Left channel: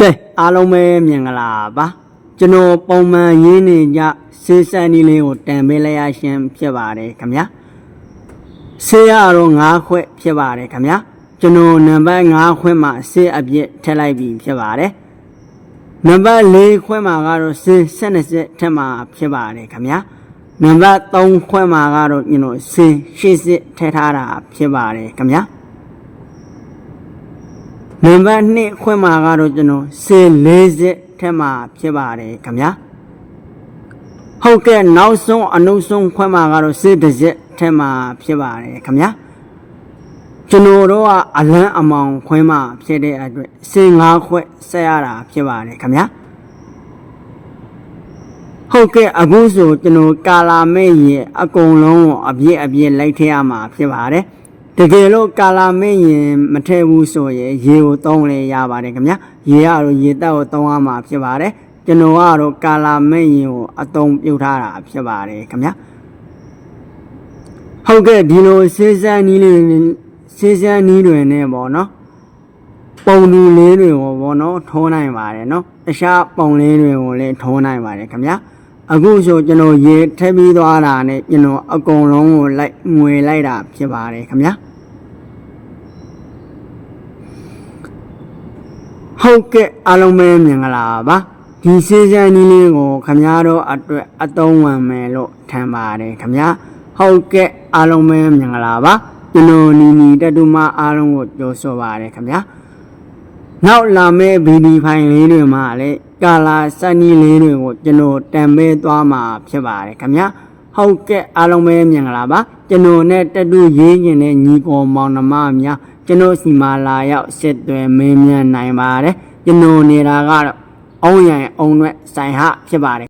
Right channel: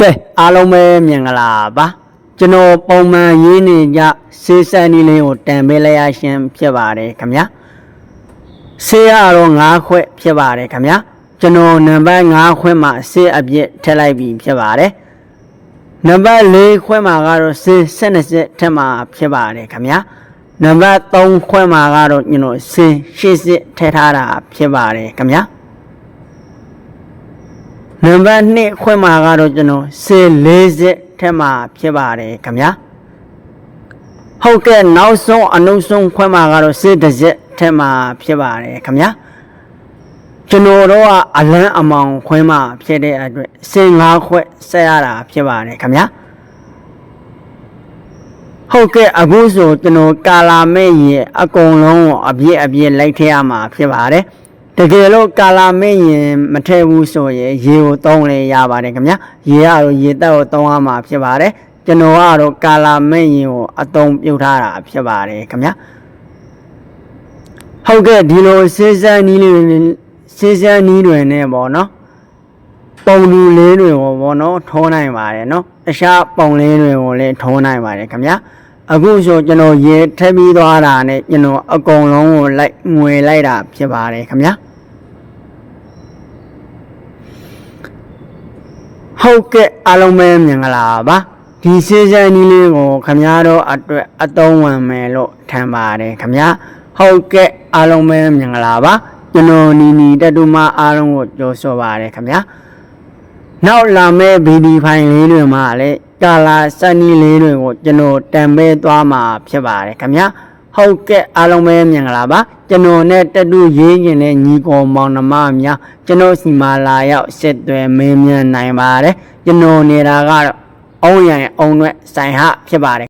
ကဲအားလုံးပဲမြင်ကြလားပါကျွန်တော်ပုံမှန်ရေးနေကြစေးစံနေလေးကိုတန်ပေးလိုက်ရရှင်ဖြစ်ပါတယ်ခင်ဗျာဆေးရတော့၅ခွက်ဖြစ်ပါတယ်ခင်ဗျာကျွန်တော်နံပါတ်5ခွက်မှာဆေးအပြည့်ထည့်လိုက်ပြီဖြစ်ပါတယ်နံပါတ်4ခွက်မှာကတော့ဆေး12စစ်ထည့်မှာဖြစ်ပါတယ်ခင်ဗျာနံပါတ်3ခွက်မှာကတော့ကျွန်တော်ဆေး8စစ်ထည့်ထားတာဖြစ်ပါတယ်ခင်ဗျာ နံပါတ်2ခွဲမှာကတော့ကျွန်တော်စေ40ထက်မှာဖြစ်ပါတယ်ခင်ဗျာဟုတ်ကဲ့နောက်ဆုံးအနုဆုံးခွဲမှာကတော့စေ30ထက်မှာဖြစ်ပါတယ်ခင်ဗျာကျွန်တော်တို့ကအလန်းအမောင်ခွဲမှာဖြစ်တဲ့အတွက်စေ5ခွဲဆက်ရတာဖြစ်ပါတယ်ခင်ဗျာဟုတ်ကဲ့အခုဆိုကျွန်တော်ကာလာမဲ့ရဲ့အကုန်လုံးကိုအပြည့်အပြည့်လိုက်ထည့်ရမှာဖြစ်ပါတယ် တကယ်လို့ကာလာမင်းရင်မထည့်ဘူးဆိုရင်ရေကိုတောင်းလဲရပါတယ်ခင်ဗျာရေကတော့ရေတက်ကိုတောင်းရမှာဖြစ်ပါတယ်ကျွန်တော်ကတော့ကာလာမင်းရင်ကိုအတုံးပြုတ်ထားတာဖြစ်ပါတယ်ခင်ဗျာဟုတ်ကဲ့ဒီလိုစေးစမ်းနီးလေးစေးစမ်းနီးတွေနဲ့ပေါ့နော်ပုံလူလေးတွေကိုပေါ့နော်ထိုးနိုင်ပါတယ်နော်တခြားပုံလေးတွေကိုလည်းထိုးနိုင်ပါတယ်ခင်ဗျာအခုဆိုကျွန်တော်ရေထည့်ပြီးသွားတာနဲ့ကျွန်တော်အကုန်လုံးကိုလိုက်ငွေလိုက်တာဖြစ်ပါတယ်ခင်ဗျာ ဟုတ်ကဲ့အားလုံးပဲမြင်ကြလားပါဒီစေးစံနီးလေးကိုခမားတို့အတွက်အသုံးဝင်မယ်လို့ထင်ပါတယ်ခမားဟုတ်ကဲ့အားလုံးပဲမြင်ကြလားပါကျွန်တော်နီနီတတူမအားလုံးကိုကြိုဆိုပါတယ်ခမားနောက်လာမယ့်ဗီဒီဖိုင်လေးတွေမှာလည်းကာလာစနီးလေးတွေကိုကျွန်တော်တံပေးသွားမှာဖြစ်ပါတယ်ခမား ဟုတ်ကဲ့အားလုံးပဲမြင်ကြလားပါကျွန်တော်နဲ့တတူရေးကျင်တဲ့ညီကောင်မောင်နှမများကျွန်တော်စီမာလာရောက်စစ်သွဲမင်းမြန်နိုင်ပါတယ်ကျွန်တော်နေတာကတော့အောင်းရန်အောင်ွက်ဆိုင်ဟဖြစ်ပါတယ်